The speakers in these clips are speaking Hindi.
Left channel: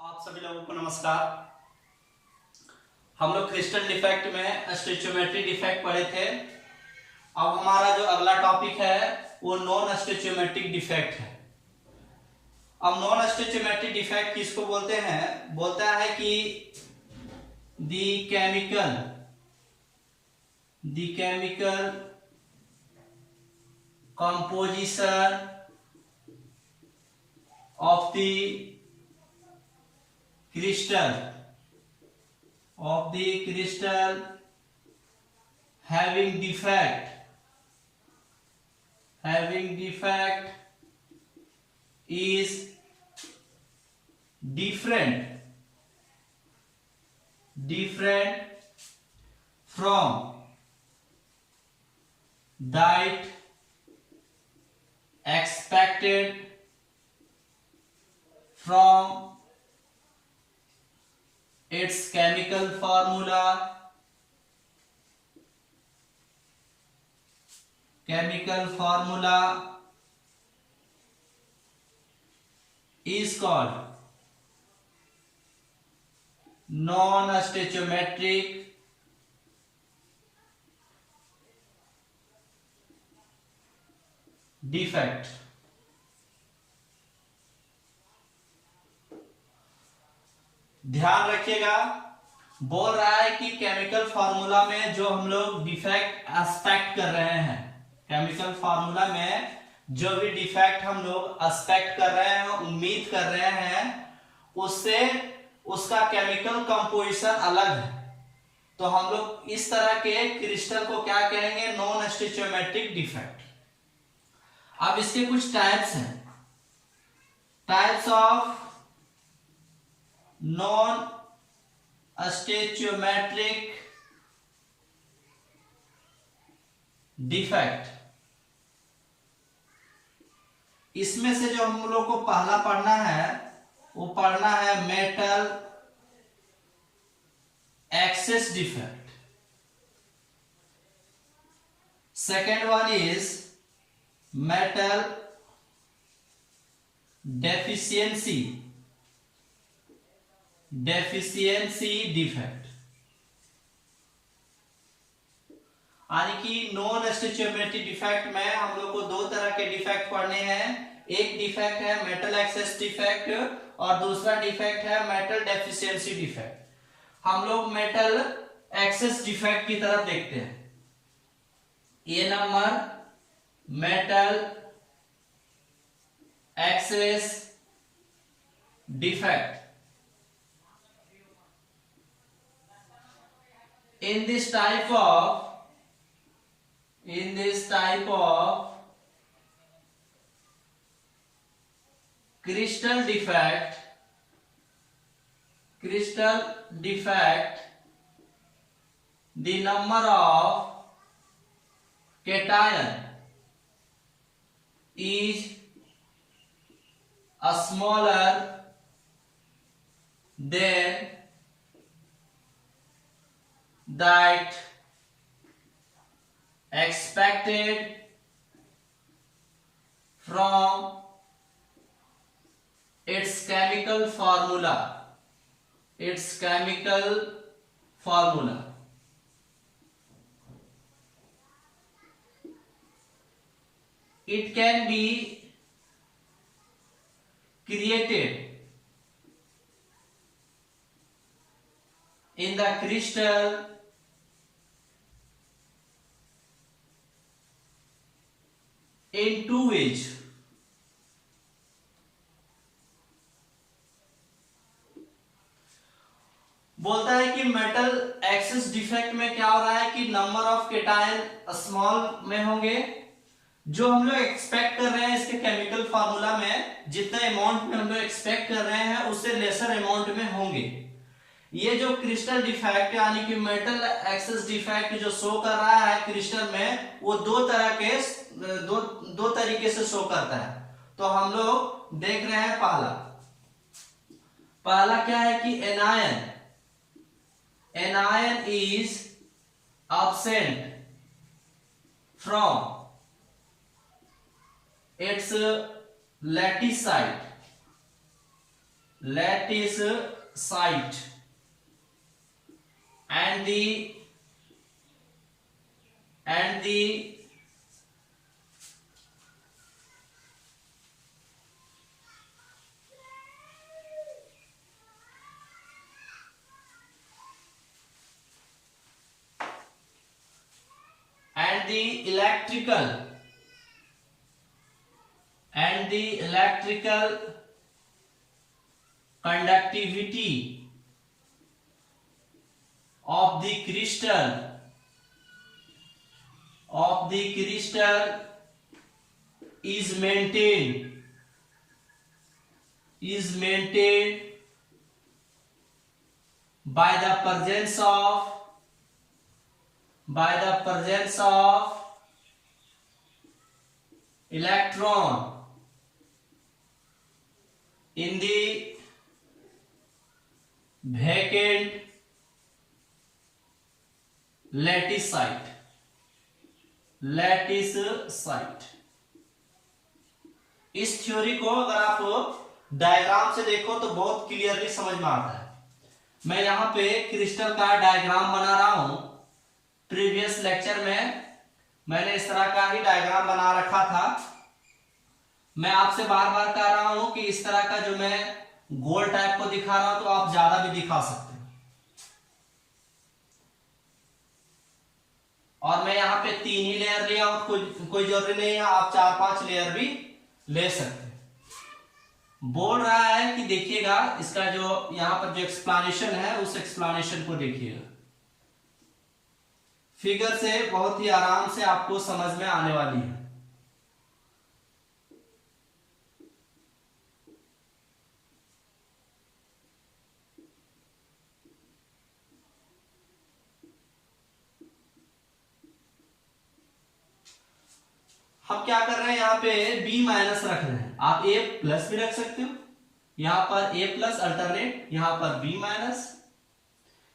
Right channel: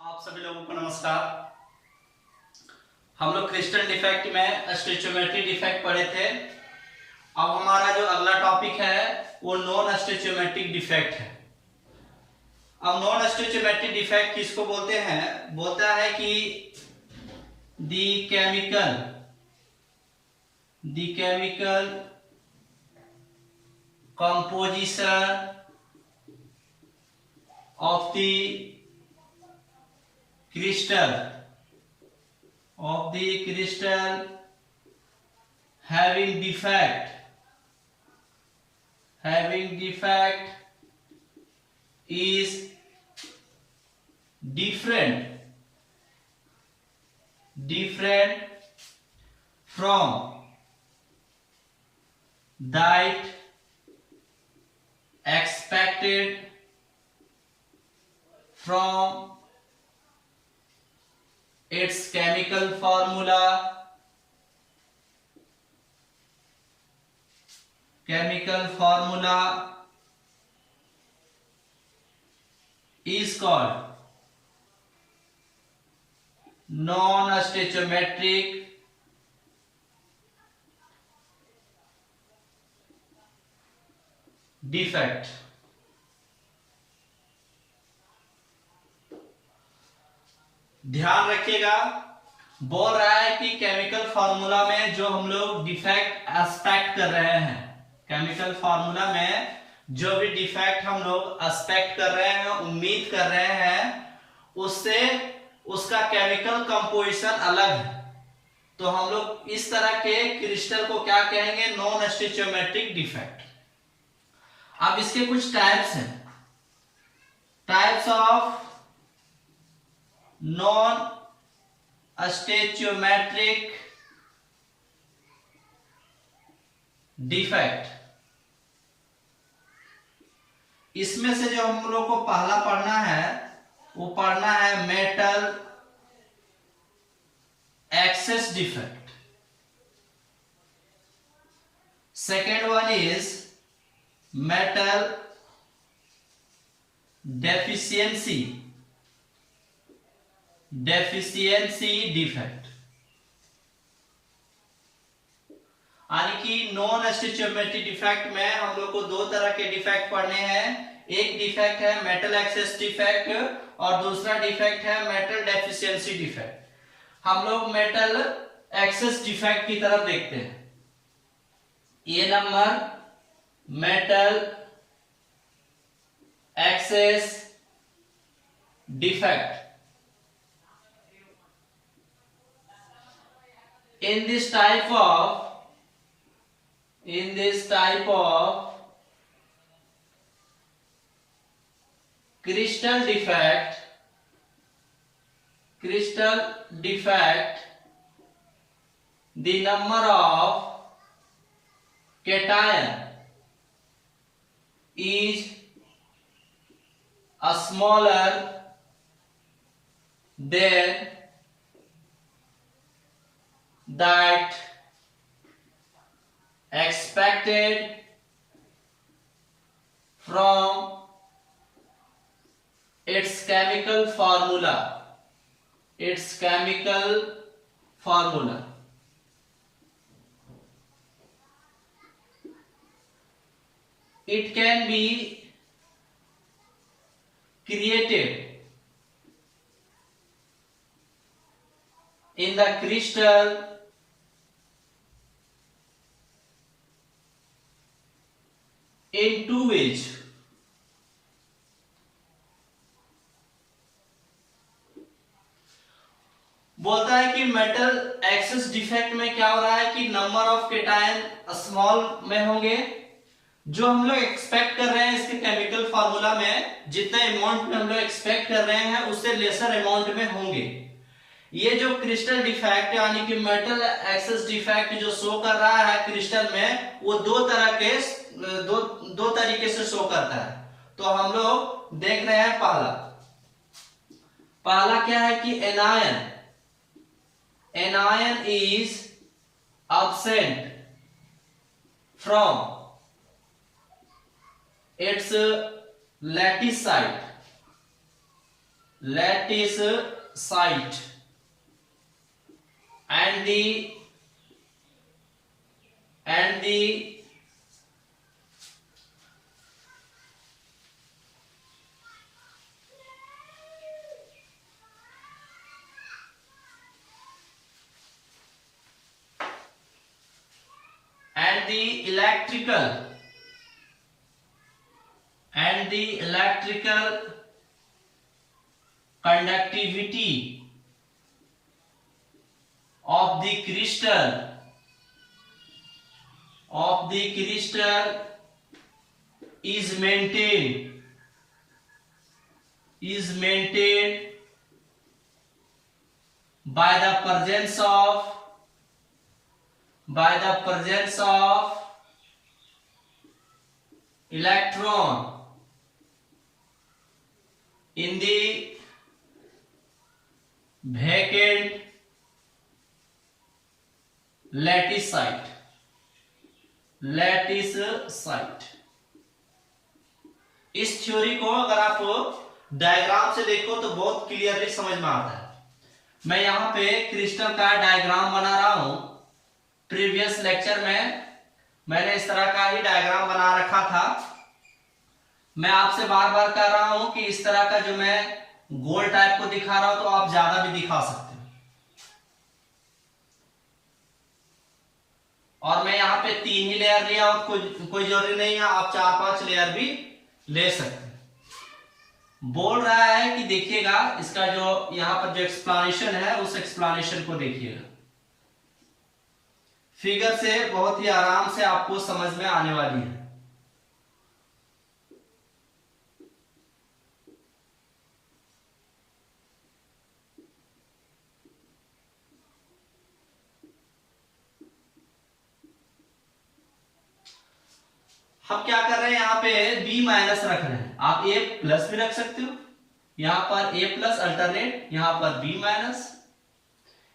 आप सभी लोगों को नमस्कार। हम लोग क्रिस्टल डिफेक्ट में स्टोइचियोमेट्री डिफेक्ट पढ़े थे। अब हमारा जो अगला टॉपिक है वो नॉन स्टोइचियोमेट्रिक डिफेक्ट है। अब नॉन स्टोइचियोमेट्रिक डिफेक्ट किसको बोलते हैं? बोलता है कि the chemical composition of the crystal having defect is different from that expected from its chemical formula is called non-stoichiometric defect। ध्यान रखिएगा, बोल रहा है कि केमिकल फार्मूला में जो हम लोग डिफेक्ट एक्सपेक्ट कर रहे हैं, केमिकल फार्मूला में जो भी डिफेक्ट हम लोग एक्सपेक्ट कर रहे हैं, उम्मीद कर रहे हैं, उससे उसका केमिकल कंपोजिशन अलग है। तो हम लोग इस तरह के क्रिस्टल को क्या कहेंगे? Non stoichiometric defect. अब इसके कुछ टाइप्स हैं। Types of non stoichiometric defect. इसमें से जो हम लोग को पहला पढ़ना है वो पढ़ना है metal access defect. Second one is metal deficiency defect. यानी कि नॉन स्टोइचियोमेट्रिक डिफेक्ट में हम लोग को दो तरह के डिफेक्ट पढ़ने हैं। एक डिफेक्ट है मेटल एक्सेस डिफेक्ट और दूसरा डिफेक्ट है मेटल डेफिशिएंसी डिफेक्ट। हम लोग मेटल एक्सेस डिफेक्ट की तरफ देखते हैं। ये number metal access defect. In this type of crystal defect, the number of cation is smaller than that expected from its chemical formula it can be created in the crystal in two ways। बोलता है कि मेटल एक्सेस डिफेक्ट में क्या हो रहा है कि नंबर ऑफ केटायन स्मॉल में होंगे। जो हम लोग एक्सपेक्ट कर रहे हैं इसके केमिकल फार्मूला में, जितना अमाउंट में हम लोग एक्सपेक्ट कर रहे हैं उससे लेसर अमाउंट में होंगे। ये जो क्रिस्टल डिफेक्ट यानी कि मेटल एक्सेस डिफेक्ट जो शो कर रहा है क्रिस्टल में, वो दो तरीके से शो करता है। तो हम लोग देख रहे हैं पहला क्या है कि anion is absent from its lattice site। lattice site and the and the and the electrical conductivity of the crystal is maintained by the presence of electron in the vacant lattice site। इस थ्योरी को अगर आप डायग्राम से देखो तो बहुत क्लियरली समझ में आता है। मैं यहां पे क्रिस्टल का डायग्राम बना रहा हूं। प्रीवियस लेक्चर में मैंने इस तरह का ही डायग्राम बना रखा था। मैं आपसे बार बार कह रहा हूं कि इस तरह का जो मैं गोल टाइप को दिखा रहा हूं तो आप ज्यादा भी दिखा सकते हैं। और मैं यहाँ पे 3 ही लेयर लिया हूं, कोई जरूरी नहीं है, आप 4-5 लेयर भी ले सकते हैं। बोल रहा है कि देखिएगा इसका जो यहाँ पर जो एक्सप्लेनेशन है उस एक्सप्लेनेशन को देखिएगा। फिगर से बहुत ही आराम से आपको समझ में आने वाली है। हम क्या कर रहे हैं, यहाँ पे B माइनस रख रहे हैं। आप A प्लस भी रख सकते हो। यहां पर A प्लस अल्टरनेट, यहां पर B माइनस।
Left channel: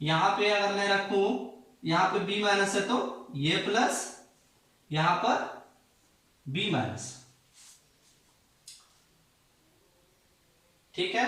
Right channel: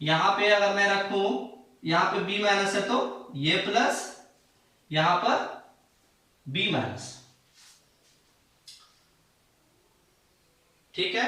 यहां पे अगर मैं रखूं, यहां पे B माइनस है तो A प्लस, यहां पर B माइनस। ठीक है।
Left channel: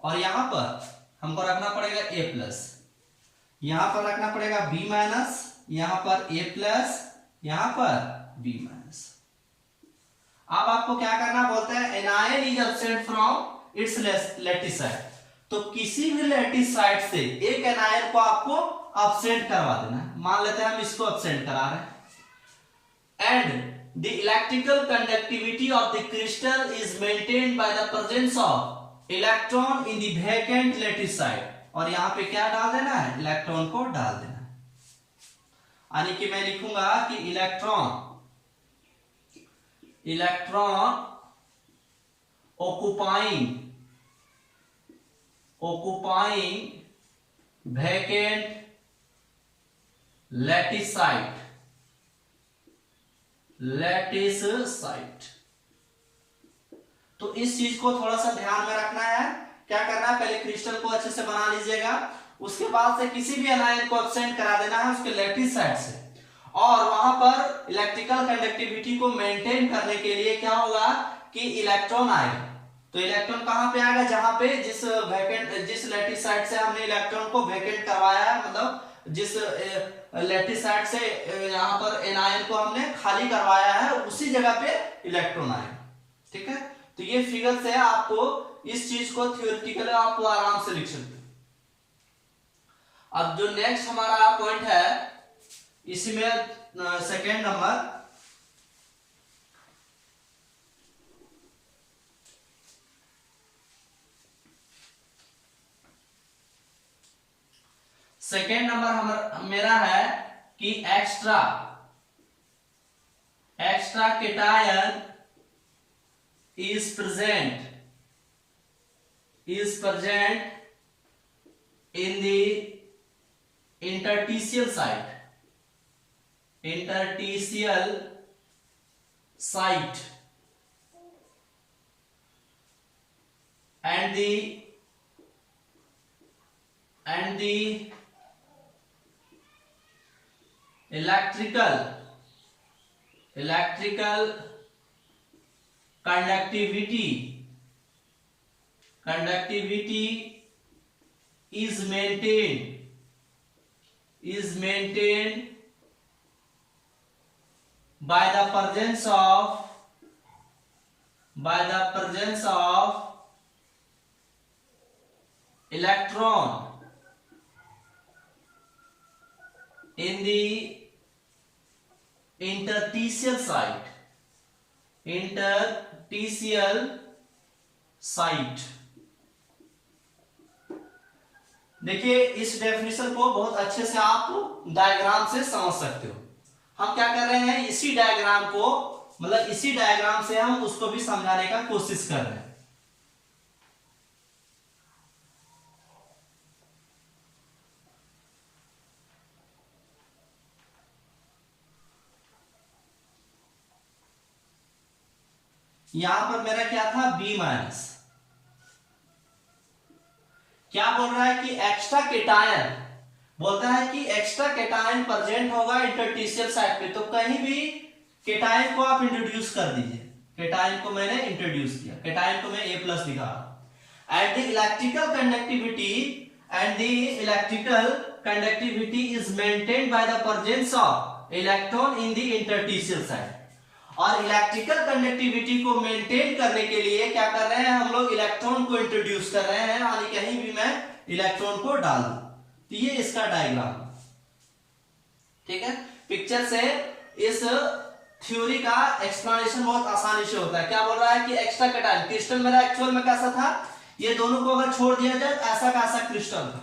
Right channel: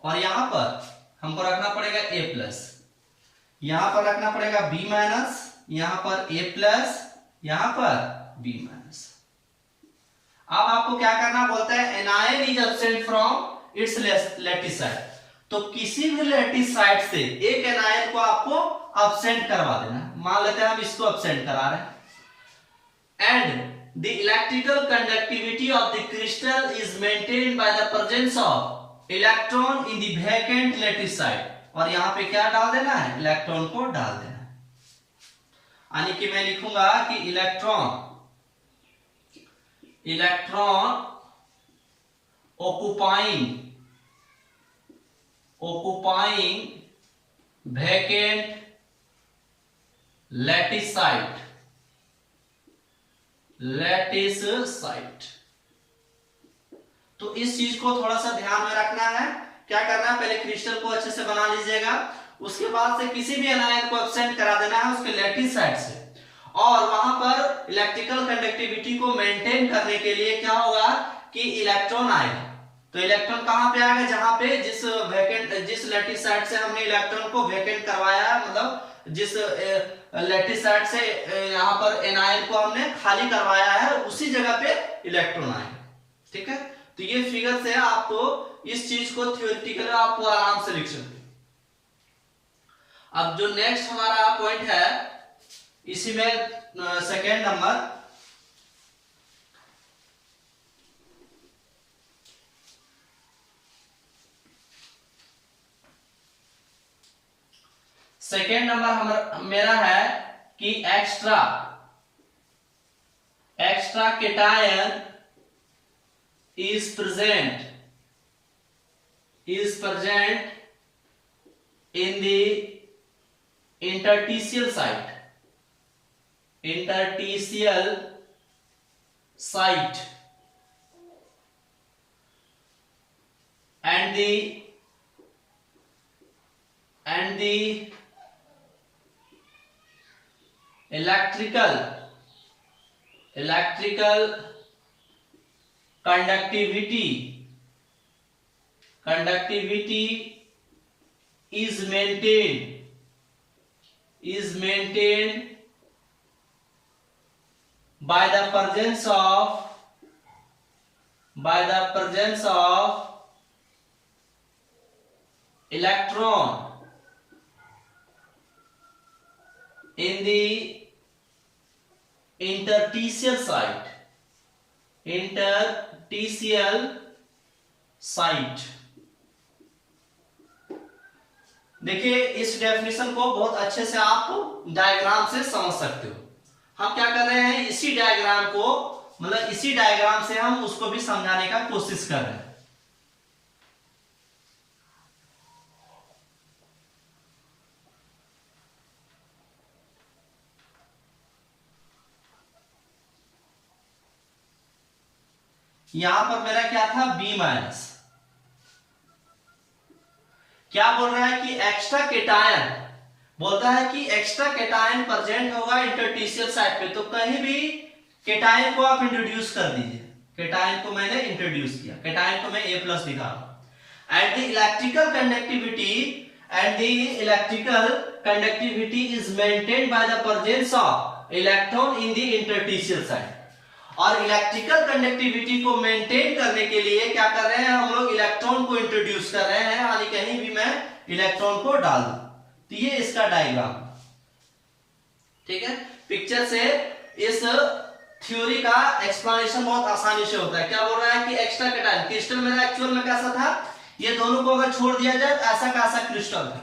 और यहां पर हमको रखना पड़ेगा A प्लस, यहां पर रखना पड़ेगा B माइनस, यहां पर A प्लस, यहां पर B माइनस। अब आपको क्या करना बोलता है, anion is absent from its lattice site. तो किसी भी लैटिस साइट से एक एनायन को आपको एब्सेंट करवा देना। मान लेते हैं हम इसको एब्सेंट करा रहे हैं। And the electrical conductivity of the crystal is maintained by the presence of electron in the vacant lattice site. और यहां पे क्या डाल देना है, इलेक्ट्रॉन को डाल देना है। यानी कि मैं लिखूंगा कि electron occupying vacant lattice site। तो इस चीज को थोड़ा सा ध्यान में रखना है। क्या करना है, पहले क्रिस्टल को अच्छे से बना लीजिएगा, उसके बाद से किसी भी एनायन को एब्सेंट करा देना है उसके लैटिस साइट से। और वहां पर इलेक्ट्रिकल कंडक्टिविटी को मेंटेन करने के लिए क्या होगा कि इलेक्ट्रॉन आएगा। तो इलेक्ट्रॉन कहां पे आएगा, जहां पे जिस लैटिस साइट से हमने इलेक्ट्रॉन को वैकेंट करवाया है, मतलब जिस लैटिस साइट से यहां पर एनायन को हमने खाली करवाया है, उसी जगह पे इलेक्ट्रॉन आएगा। ठीक है। तो ये फिगर से आपको इस चीज को थ्योरेटिकली आप आराम से लिख सकते हो। अब जो नेक्स्ट हमारा पॉइंट है, इसी में सेकेंड नंबर, मेरा है कि extra cation is present in the interstitial site and the electrical conductivity conductivity is maintained by the presence of electron in the interstitial site। देखिए इस डेफिनेशन को बहुत अच्छे से आप डायग्राम से समझ सकते हो। हम क्या कर रहे हैं, इसी डायग्राम को मतलब इसी डायग्राम से हम उसको भी समझाने का कोशिश कर रहे हैं। यहां पर मेरा क्या था, बी माइनस। क्या बोल रहा है कि एक्स्ट्रा केटायन, बोलता है कि एक्स्ट्रा केटायन प्रेजेंट होगा इंटरस्टिशियल साइट पे। तो कहीं भी केटायन को आप इंट्रोड्यूस कर दीजिए। केटायन को मैंने इंट्रोड्यूस किया, केटायन को मैं A+ लिखा। And the electrical conductivity is maintained by the presence of electron in the interstitial site. और इलेक्ट्रिकल कंडक्टिविटी को मेंटेन करने के लिए क्या कर रहे हैं हम लोग, इलेक्ट्रॉन को इंट्रोड्यूस कर रहे हैं, यानी कहीं भी मैं इलेक्ट्रॉन को डाल दूं। तो ये इसका डायग्राम, ठीक है। पिक्चर से इस थ्योरी का एक्सप्लेनेशन बहुत आसानी से होता है। क्या बोल रहा है कि एक्स्ट्रा केटायन, क्रिस्टल मेरा एक्चुअल में कैसा था, ये दोनों को अगर छोड़ दिया जाए ऐसा का ऐसा क्रिस्टल था।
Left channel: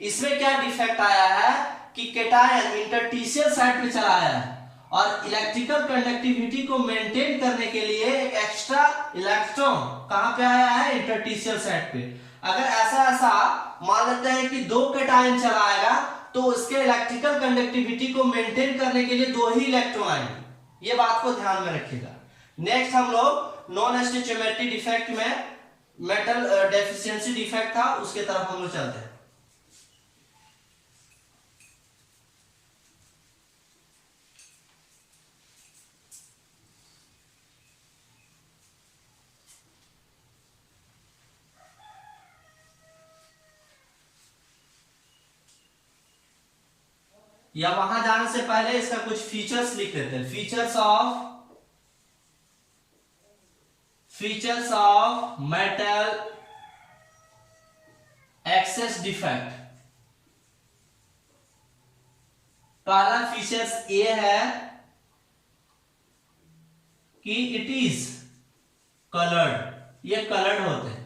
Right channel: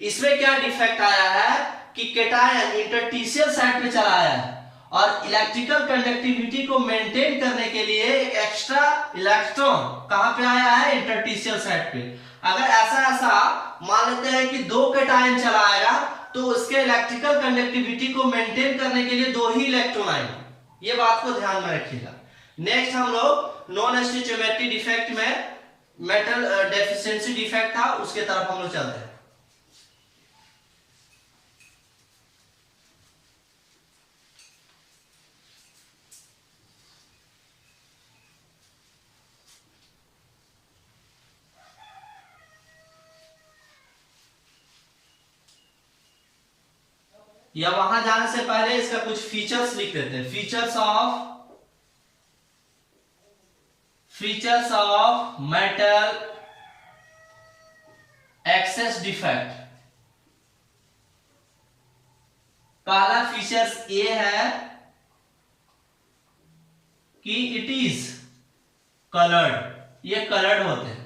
इसमें क्या डिफेक्ट आया है कि केटायन इंटरस्टिशियल साइट पे चला आया है और इलेक्ट्रिकल कंडक्टिविटी को मेंटेन करने के लिए एक एक्स्ट्रा इलेक्ट्रॉन कहां पे आया है, इंटरस्टिशियल साइट पे। अगर ऐसा मान लेते हैं कि 2 केटायन चला आएगा तो उसके इलेक्ट्रिकल कंडक्टिविटी को मेंटेन करने के लिए 2 ही इलेक्ट्रॉन आएंगे। ये बात को ध्यान में रखिएगा। नेक्स्ट हम लोग नॉन स्टिचियोमेट्री डिफेक्ट में मेटल डेफिशिएंसी डिफेक्ट था, उसके तरफ हम लोग चलते हैं। या वहां जाने से पहले इसका कुछ फीचर्स लिख देते हैं। Features of metal access defect. पहला फीचर्स ये है कि इट इज कलर्ड, ये कलर्ड होते हैं,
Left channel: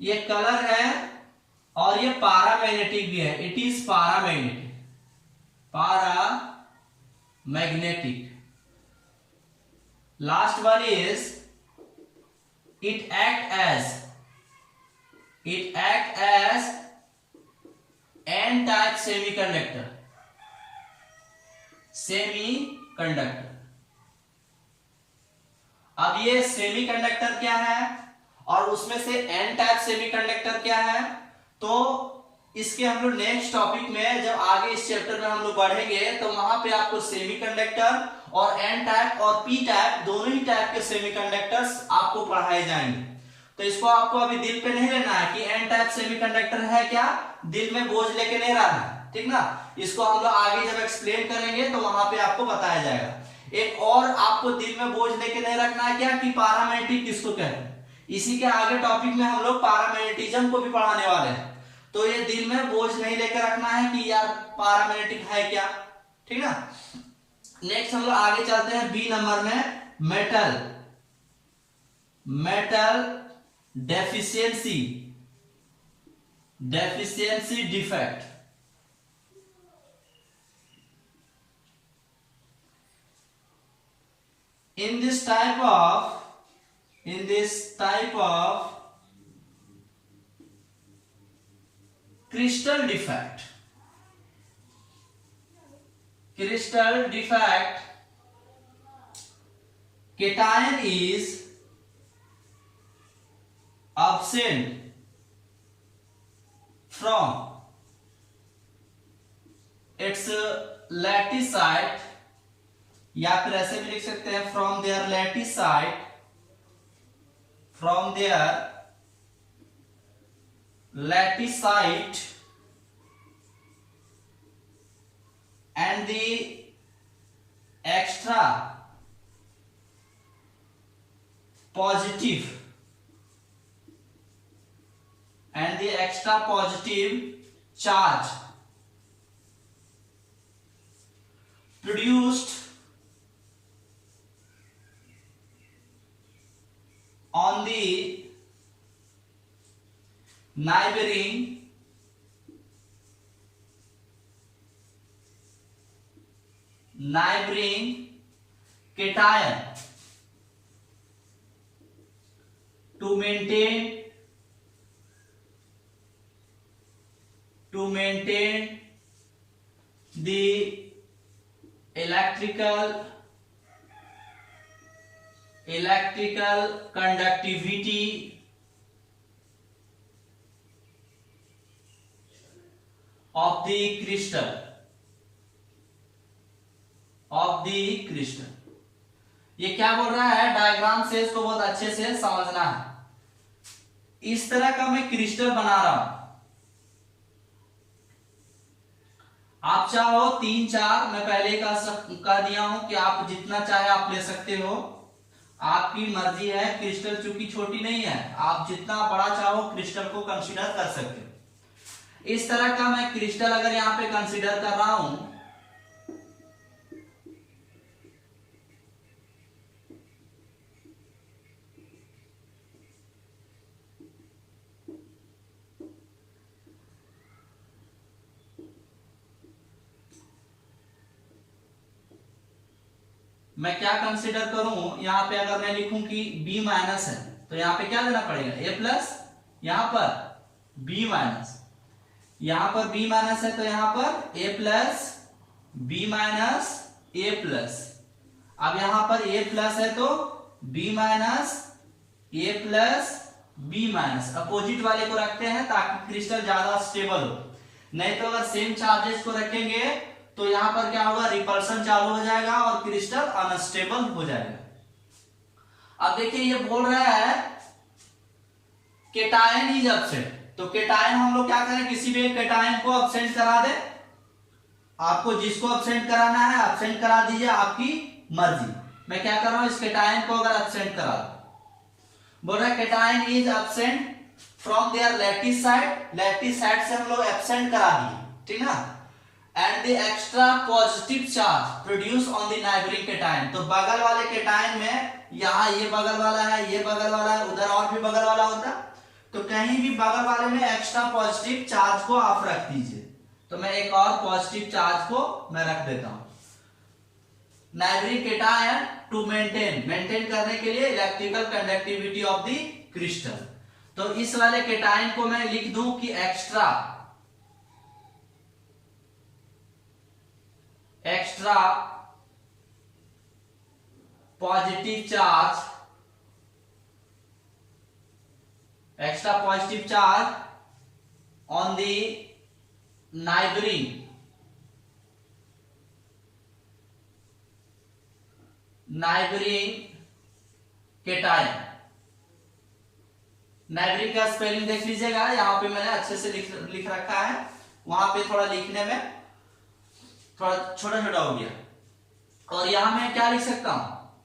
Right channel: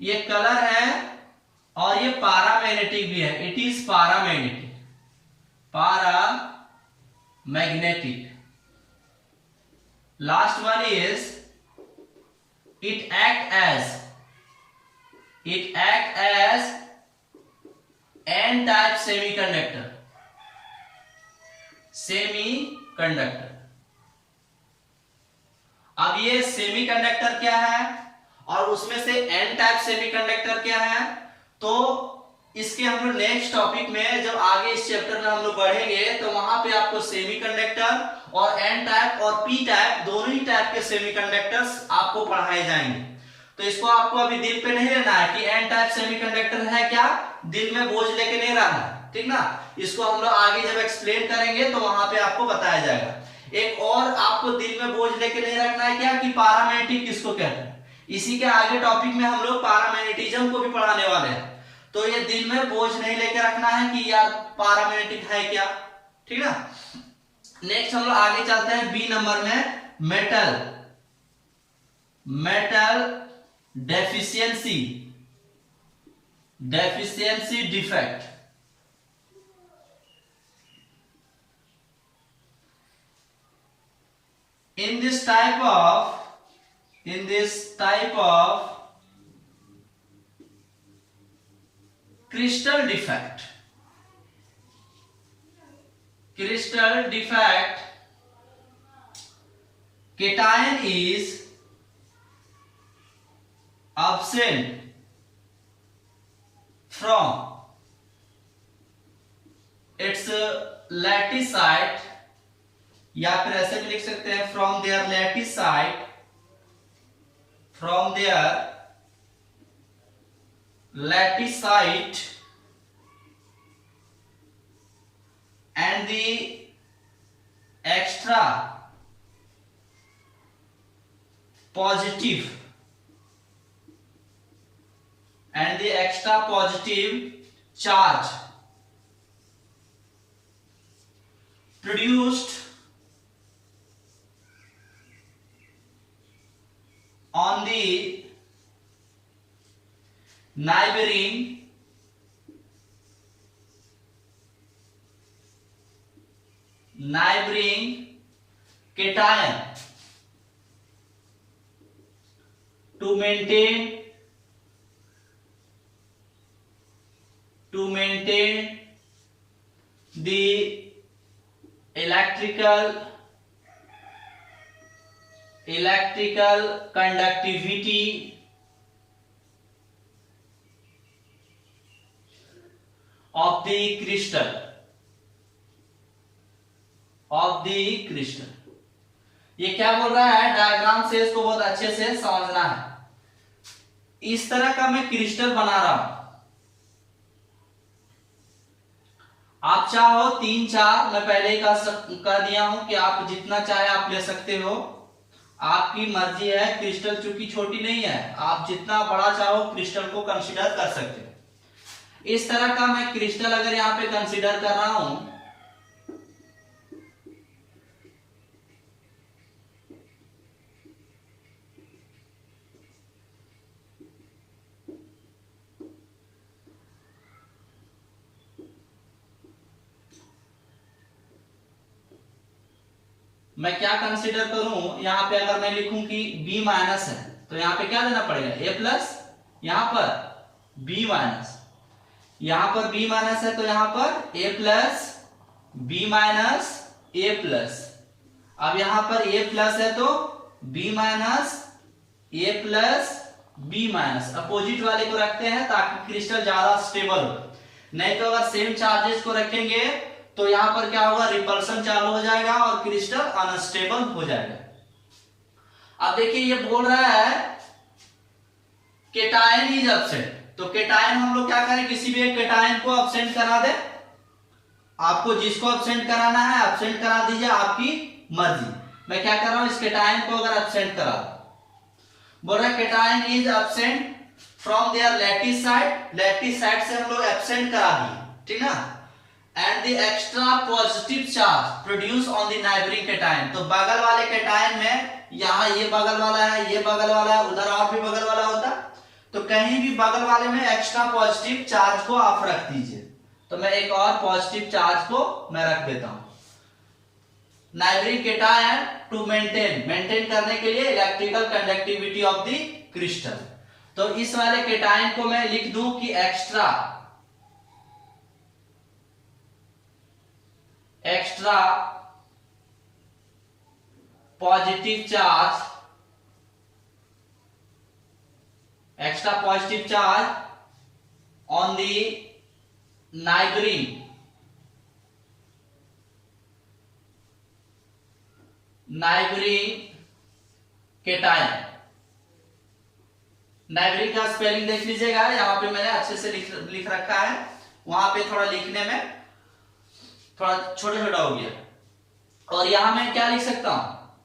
ये कलर है और ये पारामैग्नेटिक भी है। It is paramagnetic. Last one is it act as an type semiconductor. अब ये सेमीकंडक्टर क्या है और उसमें से एन टाइप सेमीकंडक्टर क्या है, तो इसके हम लोग नेक्स्ट टॉपिक में जब आगे इस चैप्टर में हम लोग बढ़ेंगे तो वहां पे आपको सेमीकंडक्टर और एन टाइप और पी टाइप दोनों ही टाइप के सेमीकंडक्टर्स आपको पढ़ाए जाएंगे। तो इसको आपको अभी दिल पे नहीं रहना है कि एन टाइप सेमीकंडक्टर है क्या, दिल में बोझ लेके नहीं रहना, ठीक ना। इसको हम लोग आगे जब एक्सप्लेन करेंगे तो वहां पे आपको बताया जाएगा। एक और आपको दिल में बोझ लेके नहीं रखना है क्या, कि पारामैग्नेटिक किसको कहते हैं। इसी के आगे टॉपिक में हम लोग पारामैग्नेटिज्म को भी पढ़ाने वाले हैं। तो ये दिल में बोझ नहीं लेके रखना है कि यार पारामैग्नेटिक है क्या, ठीक ना। नेक्स्ट हम लोग आगे चलते हैं बी नंबर में, metal deficiency defect. In this type of crystal defect, cation is absent from its lattice site, या फिर ऐसे भी लिख सकते हैं from their lattice site from their latticite and the extra positive charge produced on the neighboring cation to maintain the electrical conductivity of the crystal. ये क्या बोल रहा है, डायग्राम से इसको बहुत अच्छे से समझना है। इस तरह का मैं क्रिस्टल बना रहा हूं, आप चाहो 3-4, मैं पहले ही कह दिया हूं कि आप जितना चाहे आप ले सकते हो, आपकी मर्जी है। क्रिस्टल चूंकि छोटी नहीं है, आप जितना बड़ा चाहो क्रिस्टल को कंसीडर कर सकते हो। इस तरह का मैं क्रिस्टल अगर यहां पे कंसीडर कर रहा हूं, मैं क्या कंसीडर करूं, यहां पे अगर मैं लिखूं कि B माइनस है तो यहां पे क्या देना पड़ेगा, A प्लस, यहां पर B माइनस, यहां पर B माइनस है तो यहां पर A plus B minus A plus. अब यहां पर A प्लस है तो B minus A plus B minus, opposite वाले को रखते हैं ताकि क्रिस्टल ज्यादा स्टेबल हो। नहीं तो अगर सेम चार्जेस को रखेंगे तो यहां पर क्या होगा, रिपल्सन चालू हो जाएगा और क्रिस्टल अनस्टेबल हो जाएगा। अब देखिए ये बोल रहा है केटायन इज एब्सेंट, तो केटायन हम लोग क्या करें, किसी भी एक केटायन को एब्सेंट करा दे। आपको जिसको एब्सेंट कराना है एब्सेंट करा दीजिए, आपकी मर्जी। मैं क्या कर रहा हूं, इस केटायन को अगर एब्सेंट करा दो, बोल रहा है cation is absent from their lattice site से हम लोग एब्सेंट करा दिए, ठीक ना। And the extra positive charge produce on the neighbouring cation, तो बगल वाले केटायन में, यहाँ ये बगल वाला है, ये बगल वाला है, उधर और भी बगल वाला होता, तो कहीं भी बगल वाले में एक्स्ट्रा पॉजिटिव चार्ज को आप रख दीजिए। तो मैं एक और पॉजिटिव चार्ज को मैं रख देता हूं। नाइबरिंग केटायन टू मेंटेन करने के लिए electrical conductivity of the crystal, तो इस वाले केटायन को मैं लिख दूं कि extra positive charge on the neighbouring cation. Neighbouring का स्पेलिंग देख लीजिएगा, यहां पे मैंने अच्छे से लिख रखा है, वहां पे थोड़ा लिखने में थोड़ा छोटा छोटा हो गया। और यहां मैं क्या लिख सकता हूं,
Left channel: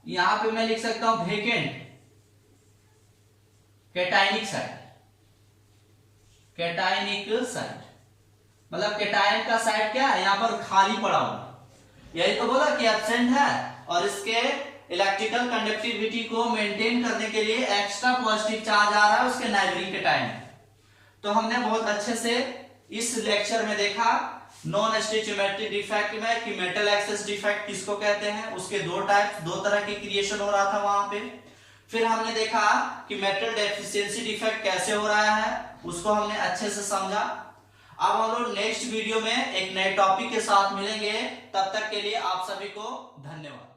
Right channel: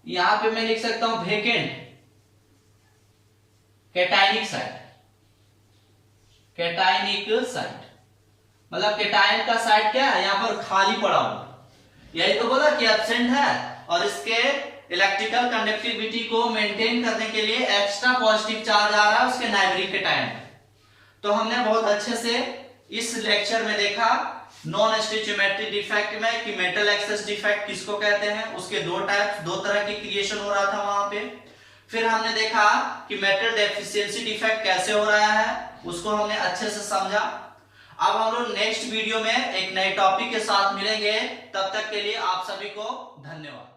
यहां पे मैं लिख सकता हूं वेकेंट कैटायनिक साइट, मतलब कैटायन का साइट क्या है, यहां पर खाली पड़ा हुआ। यही तो बोला कि एब्सेंट है और इसके इलेक्ट्रिकल कंडक्टिविटी को मेंटेन करने के लिए एक्स्ट्रा पॉजिटिव चार्ज आ रहा है उसके नाइबरिंग केटायन। तो हमने बहुत अच्छे से इस लेक्चर में देखा नॉन स्टिचियोमेट्रिक डिफेक्ट में कि मेटल एक्सेस डिफेक्ट किसको कहते हैं, उसके दो तरह की क्रिएशन हो रहा था वहां पे। फिर हमने देखा कि मेटल डेफिशिएंसी डिफेक्ट कैसे हो रहा है, उसको हमने अच्छे से समझा। अब हम लोग नेक्स्ट वीडियो में एक नए टॉपिक के साथ मिलेंगे, तब तक के लिए आप सभी को धन्यवाद।